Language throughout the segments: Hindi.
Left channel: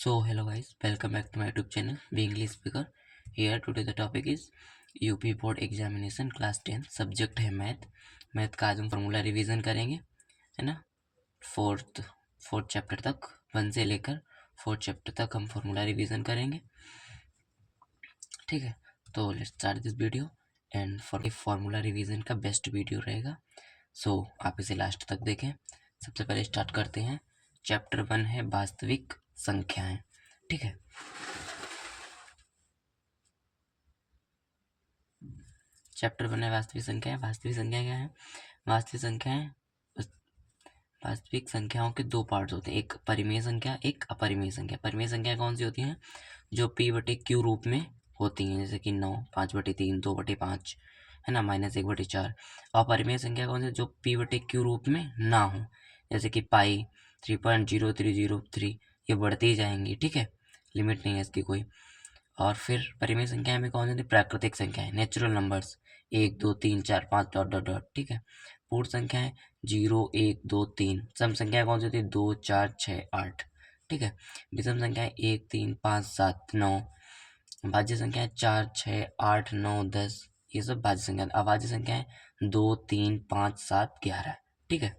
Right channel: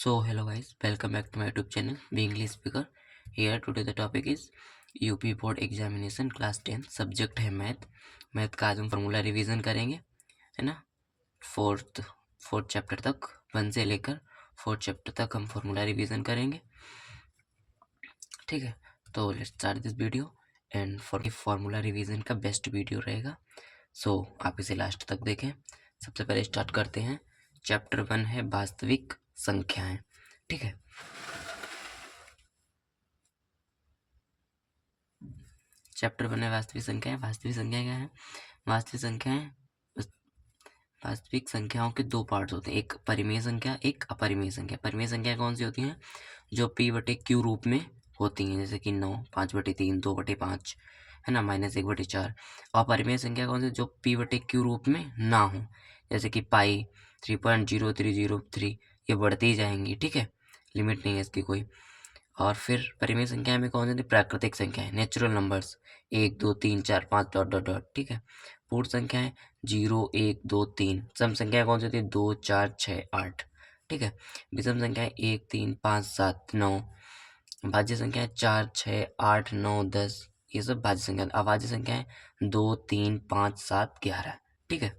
So hello guys, welcome back to my YouTube channel Be English Speaker. Here today the topic is UP board examination class 10, subject है मैथ का। आज हम फार्मूला रिवीजन करेंगे, है ना। फोर्थ चैप्टर तक, 1 से लेकर 4th चैप्टर तक हम फार्मूला रिवीजन करेंगे, ठीक है। तो let's start this video and formula revision का बेस्ट वीडियो रहेगा, सो आप इसे लास्ट तक देखें। सबसे पहले स्टार्ट करते हैं। चैप्टर 1 है वास्तविक संख्याएं, ठीक है। चैप्टर 1 है वास्तविक संख्याएं। वास्तविक संख्या क्या है? वास्तविक संख्याएं, वास्तविक संख्याओं के दो पार्ट्स होते हैं, एक परिमेय संख्या, एक अपरिमेय संख्या। परिमेय संख्या कौन सी होती हैं? जो p/q रूप में होती हैं, जैसे कि 9, 5/3, 2/5, है ना, -1/4। और परिमेय संख्या कौन सी? जो p/q रूप में ना हो, जैसे कि पाई, 3.0303, ये बढ़ती ही जाएंगी, ठीक है, लिमिट नहीं है इसकी कोई। और फिर परिमेय संख्या में कौन सी? प्राकृतिक संख्याएं, natural numbers, 1 2 3 4 5 dot dot dot, ठीक है। पूर्ण संख्याएं 0 1 2 3। सम संख्या कौन सी होती है? 2 4 6 8, ठीक है। विषम संख्याएं 1 3 5 7 9। भाज्य संख्याएं 4 6 8 9 10, ये सब भाज्य संख्या। अभाज्य संख्याएं 2 3 5 7 11, ठीक है।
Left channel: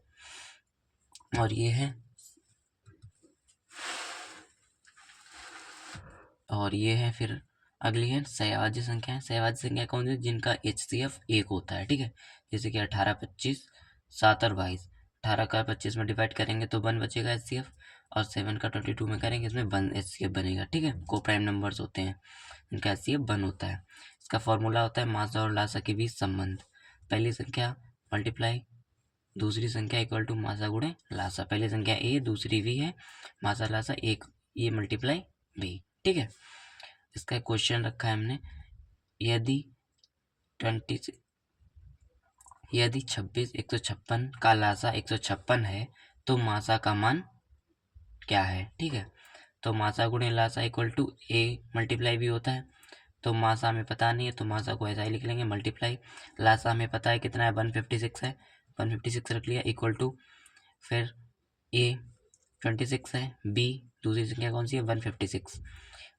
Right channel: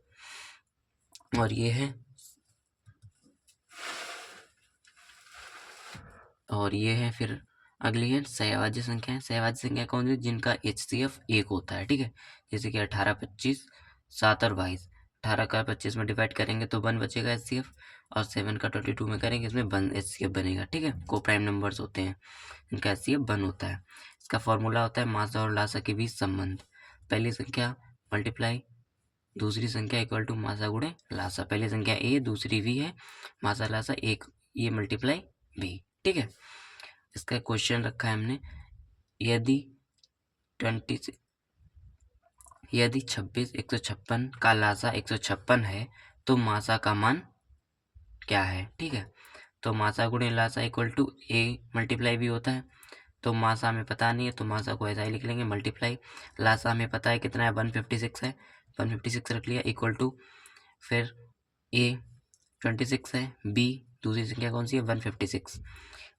और ये है फिर अगली है सहभाज्य संख्याएं। सहभाज्य संख्या कौन सी? जिनका HCF 1 होता है, ठीक है। जैसे कि 18 25 7 और 22। 18 का 25 में डिवाइड करेंगे तो 1 बचेगा HCF, और 7 का 22 में करेंगे इसमें 1 HCF बनेगा, ठीक है। को प्राइम नंबर्स होते हैं, इनका HCF 1 होता है। इसका फॉर्मूला होता है मासा और लासा के बीच संबंध। पहली संख्या मल्टीप्लाई दूसरी संख्या इक्वल टू मासा गुणे लासा। पहली संख्या A, दूसरी V है, मासा लासा 1, ये मल्टीप्लाई V, ठीक है। इसका क्वेश्चन रखा है हमने, यदि 26 156 का लासा 156 है तो मासा का मान क्या है, ठीक है। तो मासा गुणे लासा इक्वल टू A मल्टीप्लाई भी होता है। तो मासा हमें पता नहीं है तो मासा को ऐसा ही लिख लेंगे, मल्टीप्लाई लासा हमें पता है कितना है, 156 है, 156 रख लिया, इक्वल टू फिर A 26 है, B दूसरी संख्या कौन सी है? 156,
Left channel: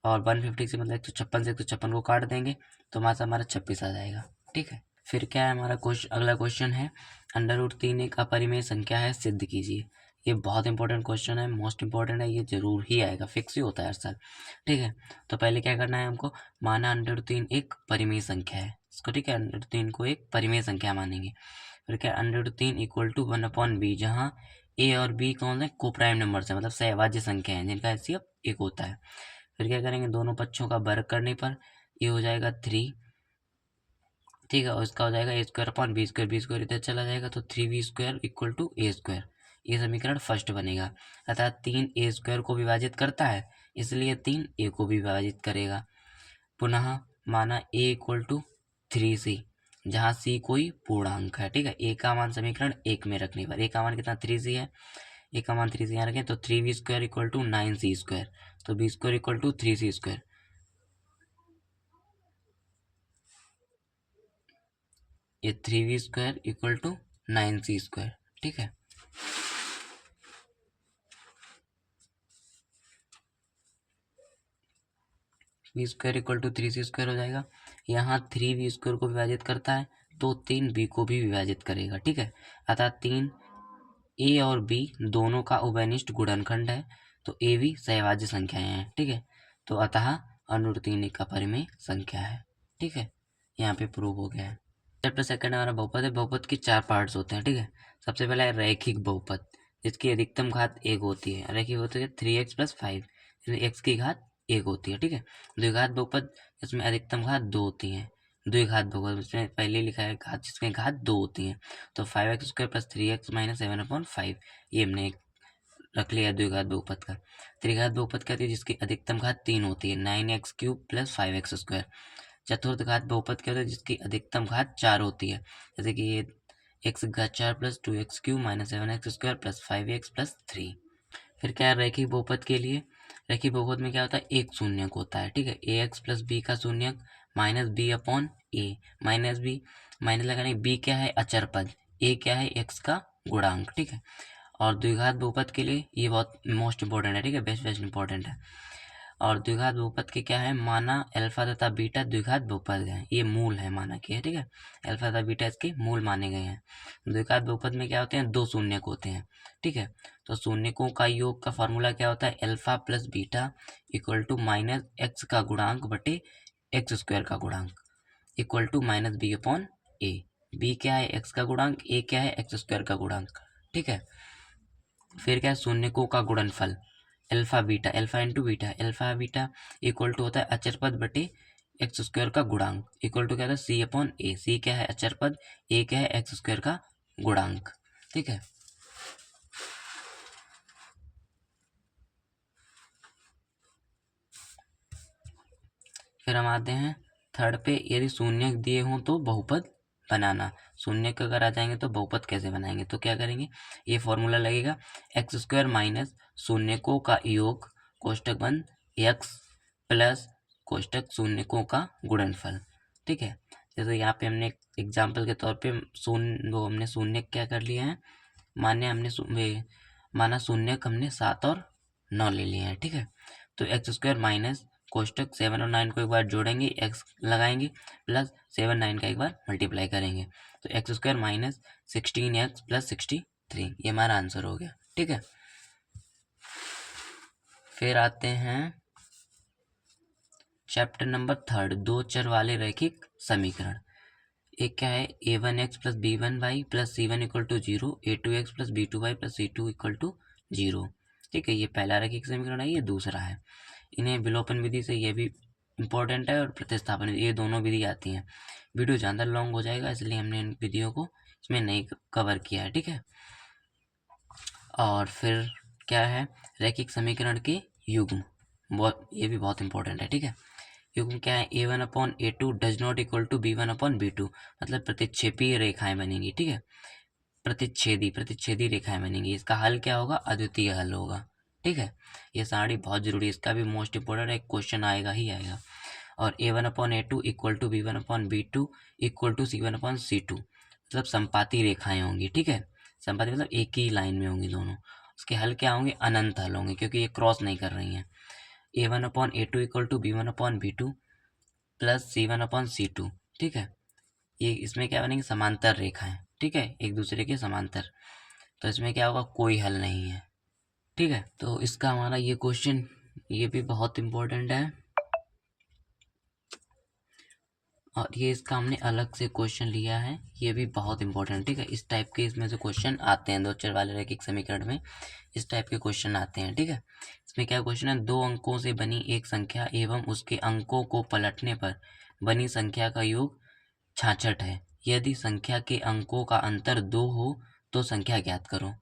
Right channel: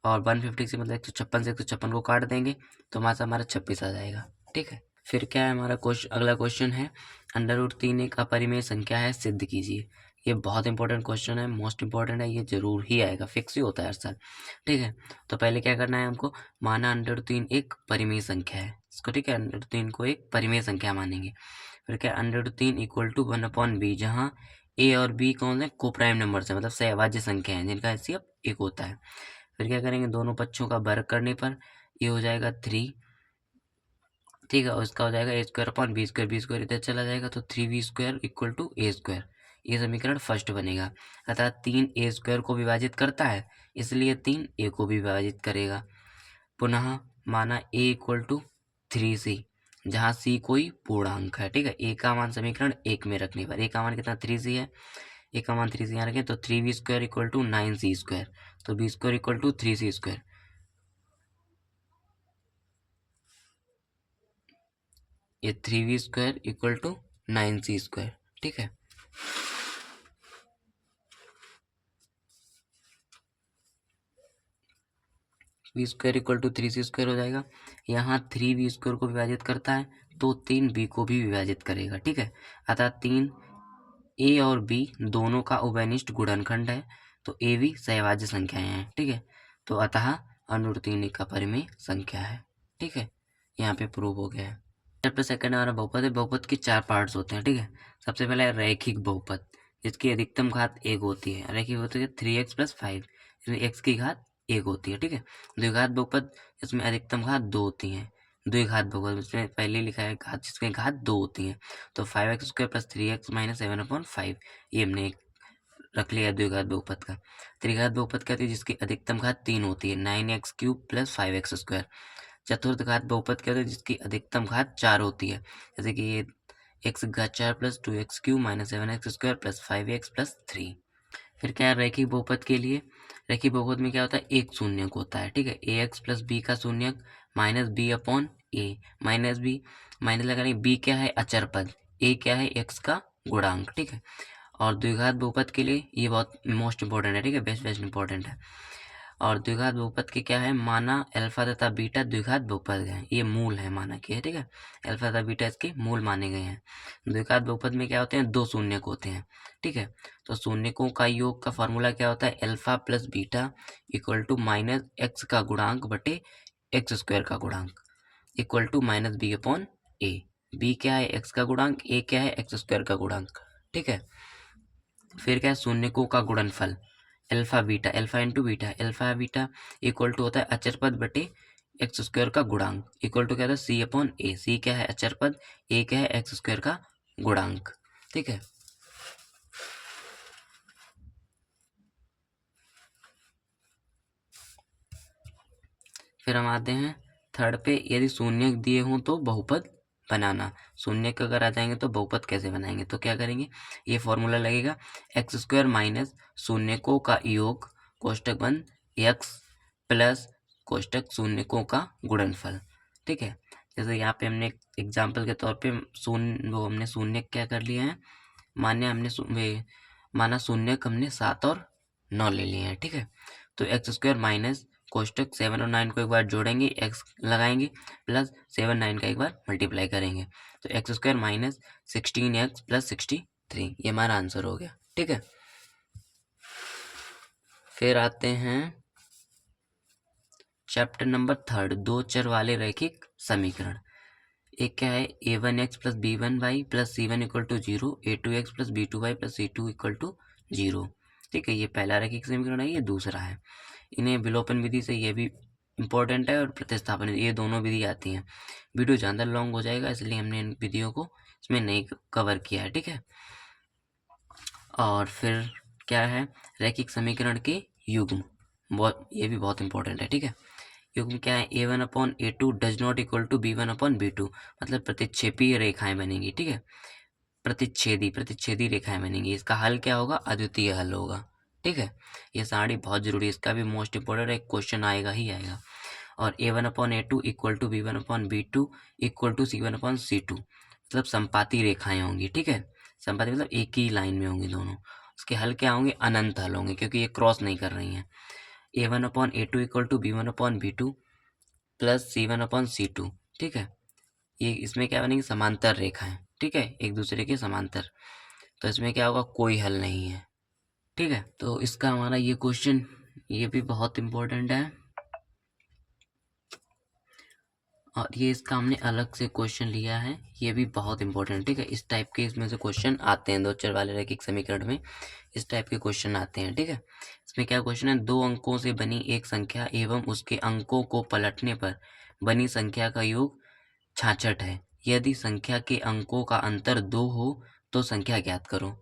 और 156 मतलब 156 से 156 को काट देंगे तो मासा हमारा 26 आ जाएगा, ठीक है। फिर क्या है हमारा क्वेश्चन? अगला क्वेश्चन है √3 एक अपरिमेय संख्या है, सिद्ध कीजिए। ये बहुत इंपॉर्टेंट क्वेश्चन है, मोस्ट इंपॉर्टेंट है, ये जरूर ही आएगा, फिक्स ही होता है हर साल, ठीक है। तो पहले क्या करना है हमको? माना √3 एक परिमेय संख्या है इसको, ठीक है। √3 को एक परिमेय संख्या मानेंगे। फिर क्या? √3 इक्वल टू 1/b, जहाँ A और B कौन है? को प्राइम नंबर है, मतलब सहभाज्य संख्या है जिनका HCF 1 होता है। फिर क्या करेंगे? दोनों पक्षों का वर्ग करने पर ये हो जाएगा 3, ठीक है। और इसका हो जाएगा A² बी स्क्वायर इधर चला जाएगा तो 3b² इक्वल टू A²। ये समीकरण फर्स्ट बनेगा, अतः 3A² को विभाजित करता है, इसलिए 3A को भी विभाजित करेगा। पुनः माना A इक्वल टू 3C, जहाँ C कोई पूर्णांक है, ठीक है। A का मान समीकरण 1 में रखने पर, A का मान कितना? 3C है, A का मान 3C यहाँ रखें तो 3b² इक्वल टू 9c², तो b² इक्वल टू 3c², ये 3b² इक्वल टू 9c², ठीक है। b² इक्वल टू 3c² हो जाएगा। यहाँ 3b² को विभाजित करता है तो 3b को भी विभाजित करेगा, ठीक है। अतः 3a और b दोनों का उभयनिष्ठ गुणनखंड है, तो a भी सहभाज्य संख्याएं हैं, ठीक है। तो अतः √3 एक अपरिमेय संख्या है, ठीक है। यहाँ पे प्रूव हो गया है। चैप्टर सेकंड हमारा बहुपद है। बहुपद के 4 पार्ट्स होते हैं, ठीक है। सबसे पहला है रैखिक बहुपद, जिसकी अधिकतम घात 1 होती है। रैखिक होती है 3x + 5, इसमें x की घात 1 होती है, ठीक है। द्विघात बहुपद, इसमें अधिकतम घात 2 होती है। द्विघात बहुपद, इसमें पहले लिखा है घात, जिसमें घात 2 होती है। तो 5x² + 3x - 7/5, ये हमने रख लिया द्विघात बहुपद का। त्रिघात बहुपद कहती है जिसकी अधिकतम घात 3 होती है, 9x³ + 5x²। चतुर्थ घात बहुपद कहते हैं जिसकी अधिकतम घात 4 होती है, जैसे कि ये x⁴ + 2x³ - 7x² + 5x + 3। फिर क्या है रैखिक बहुपद के लिए? रैखिक बहुपद में क्या होता है? एक शून्यक होता है, ठीक है। ax + b का शून्यक -b/a, -b माइनस लगा लेंगे। b क्या है? अचर पद, a क्या है? x का गुणांक, ठीक है। और द्विघात बहुपद के लिए ये बहुत मोस्ट इंपॉर्टेंट है, ठीक है, बेस्ट इंपॉर्टेंट है। और द्विघात बहुपद के क्या है, माना अल्फा तथा बीटा द्विघात बहुपद हैं, ये मूल है माना कि है, ठीक है, अल्फा तथा बीटा इसके मूल माने गए हैं। द्विघात बहुपद में क्या होते हैं, दो शून्यक होते हैं, ठीक है। तो शून्यकों का योग का फॉर्मूला क्या होता है, alpha plus beta equal to minus x का गुणांक बटे एक्स स्क्वायर का गुणांक equal to minus b upon a. B क्या है, एक्स का गुणांक, ए क्या है, एक्स स्क्वायर का गुणांक, ठीक है। फिर क्या है, शून्यकों का गुणनफल alpha beta, alpha into beta, alpha beta equal to होता है अचर पद बटे एक्स स्क्वायर का गुणांक इक्वल टू क्या होता है सी अपॉन ए। सी क्या है, अचर पद, ए क्या है, एक्स स्क्वायर का गुणांक, ठीक है। फिर हम आते हैं थर्ड पे, यदि शून्य दिए हों तो बहुपद बनाना। शून्य अगर आ जाएंगे तो बहुपद कैसे बनाएंगे, तो क्या करेंगे, ये फॉर्मूला लगेगा एक्स स्क्वायर माइनस शून्यकों का योग कोष्टक बंद एक्स प्लस कोष्टक शून्यकों का गुणनफल, ठीक है। जैसे यहाँ पे हमने एग्जाम्पल के तौर पे हमने शून्य क्या कर लिया है, माना शून्यक हमने 7 और 9 ले लिए हैं, ठीक है। तो एक्स स्क्वायर माइनस कोष्टक 7 और 9 को एक बार जोड़ेंगे, एक्स लगाएंगे प्लस 7 9 का एक बार मल्टीप्लाई करेंगे, तो x square minus 16x plus 63, ये हमारा आंसर हो गया, ठीक है। फिर आते हैं चैप्टर नंबर 3, दो चर वाले रैखिक समीकरण। एक क्या है, a1x plus b1y plus c1 equal to 0, a2x plus b2y plus c2 equal to 0, ठीक है। ये पहला रैखिक समीकरण है, ये दूसरा है। इन्हें विलोपन विधि से, ये भी इम्पोर्टेंट है, और प्रतिस्थापन विधि, ये दोनों विधि आती हैं। वीडियो ज़्यादा लॉन्ग हो जाएगा, इसलिए हमने इन विधियों को इसमें नहीं कवर किया है, ठीक है। और फिर क्या है, रैखिक समीकरण के युग्म, बहुत, ये भी बहुत इंपॉर्टेंट है, ठीक है। युग्म क्या है, a1 upon a2 does not equal to b1 upon b2, मतलब प्रतिच्छेपी रेखाएं बनेंगी, ठीक है, प्रतिच्छेदी रेखाएं बनेंगी। इसका हल क्या होगा, अद्वितीय हल होगा, ठीक है। ये सारी बहुत जरूरी है, इसका भी मोस्ट इंपॉर्टेंट एक क्वेश्चन आएगा ही आएगा। और a1 upon a2 equal to b1 upon b2 equal to c1 upon c2, मतलब संपाती रेखाएं होंगी, ठीक है। संपाती मतलब एक ही लाइन में होंगी दोनों। इसके हल क्या होंगे, अनंत हल होंगे, क्योंकि ये क्रॉस नहीं कर रही हैं। a1 upon a2 equal to b1 upon b2 plus c1 upon c2, ठीक है। ये इसमें क्या बनेगी, समांतर रेखाएं, ठीक है, एक दूसरे के समांतर। तो इसमें क्या होगा, कोई हल नहीं है, ठीक है। तो इसका हमारा ये क्वेश्चन, ये भी बहुत इम्पोर्टेंट है, और ये इसका हमने अलग से क्वेश्चन लिया है, ये भी बहुत इंपॉर्टेंट, ठीक है। इस टाइप के इसमें से क्वेश्चन आते हैं, दो चर वाले रैखिक समीकरण में इस टाइप के क्वेश्चन आते हैं, ठीक है। इसमें क्या क्वेश्चन है, दो अंकों से बनी एक संख्या एवं उसके अंकों को पलटने पर बनी संख्या का योग 66 है। यदि संख्या के अंकों का अंतर 2 हो तो संख्या ज्ञात करो,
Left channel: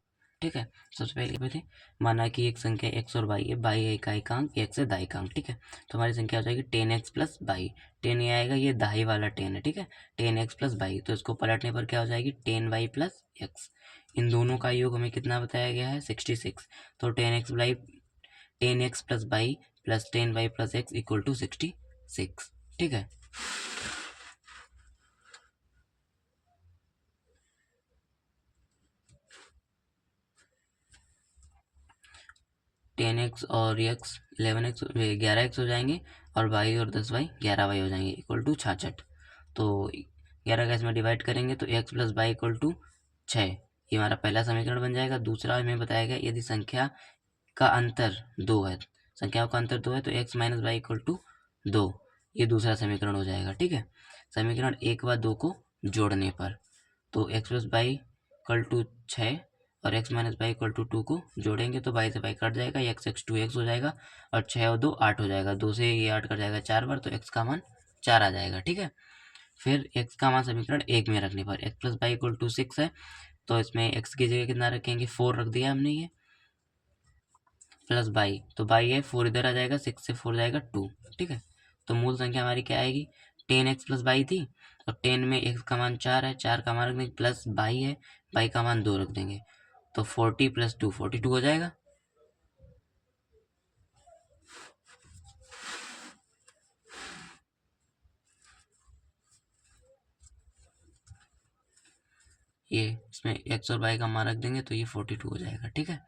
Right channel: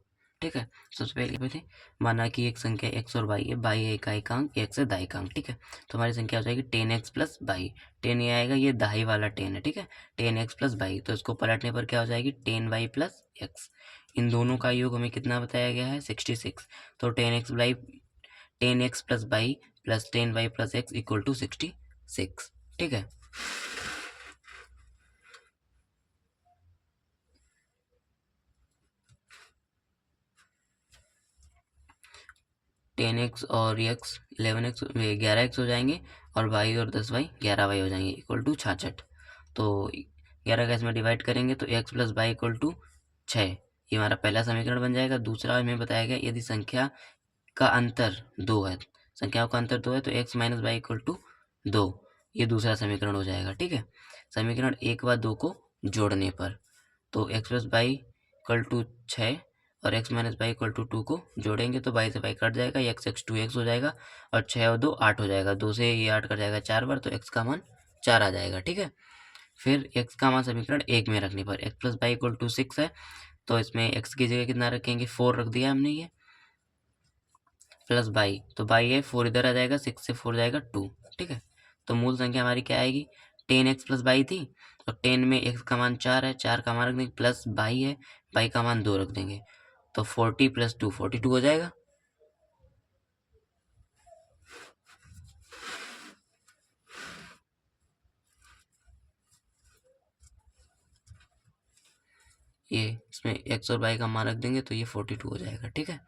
ठीक है। सबसे पहले माना कि एक संख्या x और y है, y है का एकांक, x है दाएकांक, ठीक है। तो हमारी संख्या हो जाएगी 10x प्लस बाई, 10 ये आएगा, ये दाई वाला 10 है, ठीक है, 10x प्लस बाई। तो इसको पलटने पर क्या हो जाएगी, 10y प्लस एक्स। इन दोनों का योग हमें कितना बताया गया है, 66। तो 10x plus y plus 10y plus x equal to 66, ठीक है। टेन एक्स और एक्स 11x 11x हो जाएंगे, और वाई और 10y 11y हो जाएंगे इक्वल टू 66। तो 11 का इसमें डिवाइड करेंगे तो x plus y equal to 6, ये हमारा पहला समीकरण बन जाएगा। दूसरा हमें बताया गया, यदि संख्या का अंतर 2 है, संख्याओं का अंतर 2 है, तो x minus y equal to 2, ये दूसरा समीकरण हो जाएगा, ठीक है। समीकरण 1 व 2 को जोड़ने पर, तो x plus y equal to 6 और x minus y equal to 2 को जोड़ेंगे तो बाई से बाई कट जाएगा, x x 2x हो जाएगा, और 6 और 2 8 हो जाएगा, 2 से ये 8 कट जाएगा 4 बार, तो x का मान 4 आ जाएगा, ठीक है। फिर x का मान समीकरण 1 में रखने पर x plus y equal to 6 है, तो इसमें x की जगह कितना रखेंगे, 4 रख दिया हमने, ये प्लस बाई, तो बाई है 4 इधर आ जाएगा, 6 से 4 जाएगा 2, ठीक है। तो मूल संख्या हमारी क्या आएगी, 10x प्लस बाई थी, और 10 में x का मान 4 है, 4 का मान रख देंगे, प्लस बाई है, बाई का मान 2 रख देंगे, तो 40 प्लस 2 42 हो जाएगा। ये इसमें एक्स और वाई का मान रख देंगे तो ये 42 हो जाएगा। ठीक है,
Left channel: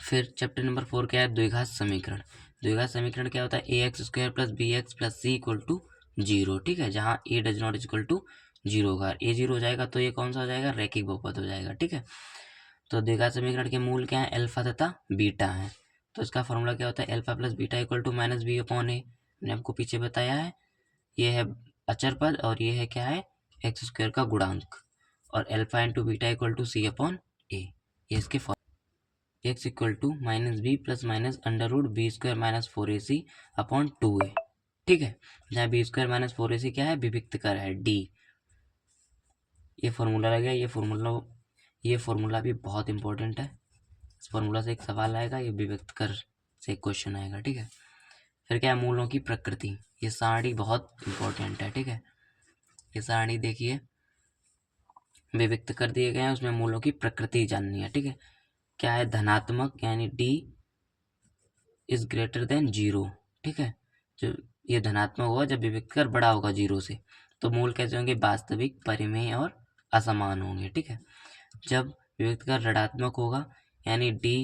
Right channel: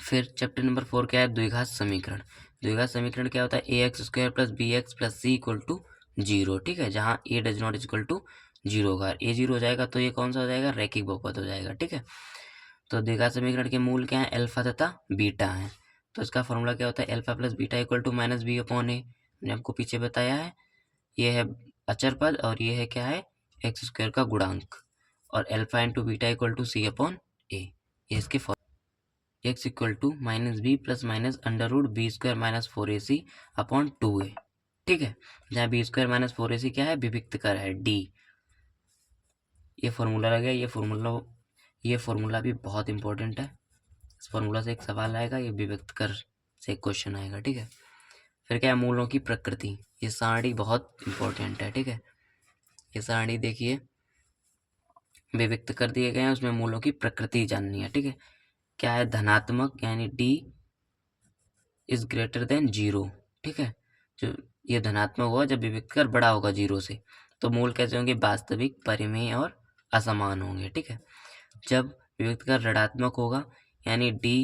फिर चैप्टर नंबर 4 क्या है, द्विघात समीकरण। द्विघात समीकरण क्या होता है, a x square plus b x plus c equal to 0। ठीक है, जहाँ a does not equal to 0 होगा, ए 0 हो जाएगा तो ये कौन सा हो जाएगा, रैखिक बहुपद हो जाएगा। ठीक है, तो द्विघात समीकरण के मूल क्या है, अल्फा तथा बीटा है। तो इसका फॉर्मूला क्या होता है, alpha plus beta equal to minus b upon a. मैंने आपको पीछे बताया है, ये है अचर पद और ये है क्या है, एक्स स्क्वायर का गुणांक, और alpha into beta equal to c upon a. ये इसके x equal to minus b plus minus under root b square minus 4ac upon 2a। ठीक है, जहाँ बी स्क्वायर माइनस 4ac क्या है, विविक्त कर है, डी। ये फॉर्मूला लग गया। ये फॉर्मूला भी बहुत इंपॉर्टेंट है। इस फॉर्मूला से एक सवाल आएगा, ये विविक्त कर से क्वेश्चन आएगा। ठीक है, फिर क्या है, मूलों की प्रकृति। ये सारणी बहुत इंपॉर्टेंट है। ठीक है, ये सारणी देखिए, विविक्त कर दिए गए हैं, उसमें मूलों की प्रकृति जाननी है। ठीक है, क्या है, धनात्मक यानी डी इज ग्रेटर देन 0। ठीक है, जो ये धनात्मक होगा जब विविक्त कर बड़ा होगा 0 से, तो मूल कैसे होंगे, वास्तविक, परिमेय और असमान होंगे। ठीक है, जब विविक्त कर ऋणात्मक होगा यानी डी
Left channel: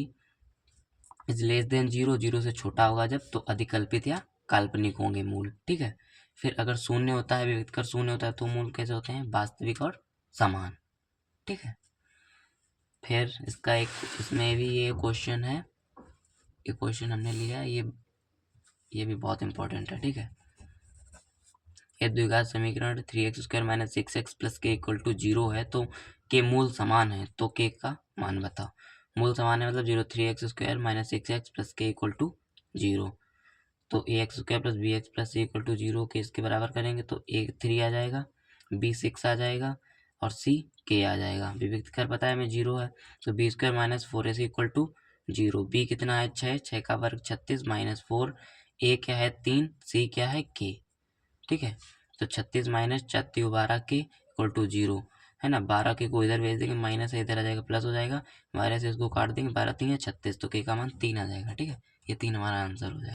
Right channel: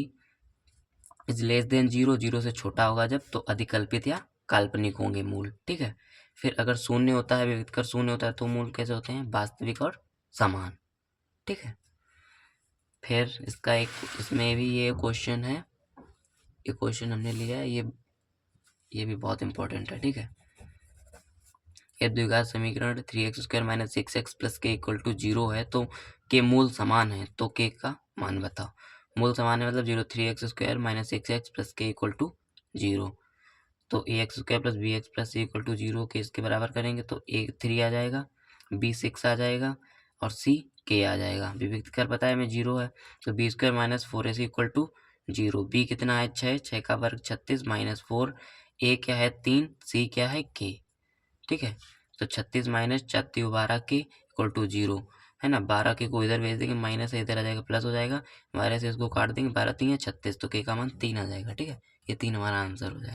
इज लेस देन 0, 0 से छोटा होगा जब, तो अधिकल्पित या काल्पनिक होंगे मूल। ठीक है, फिर अगर शून्य होता है, विविक्त कर शून्य होता है, तो मूल कैसे होते हैं, वास्तविक और समान। ठीक है, फिर इसका एक इसमें भी ये क्वेश्चन है, ये क्वेश्चन हमने लिया है, ये भी बहुत इंपॉर्टेंट है। ठीक है, ये द्विघात समीकरण 3x square minus 6x plus k equal to 0 है, तो के मूल समान है, तो के का मान बताओ। मूल समान है मतलब 0, 3x square minus 6x plus k equal to 0, तो a x square plus b x plus c equal to 0 के इसके बराबर करेंगे तो ए 3 आ जाएगा, बी 6 आ जाएगा और सी के आ जाएगा। विविक्त कर पता है हमें 0 है, तो b square minus 4ac equal to 0। B कितना है, 6, 6 का वर्ग 36 माइनस 4, ए क्या है 3, सी क्या है के। ठीक है, तो 36 माइनस 4 के इक्वल टू 0 है ना। 12 के को इधर भेज देंगे, माइनस है इधर आ जाएगा, प्लस हो जाएगा, 12 से इसको काट देंगे, 12 3 है 36, तो के का मान 3 आ जाएगा। ठीक है, ये 3 हमारा आंसर हो जाएगा।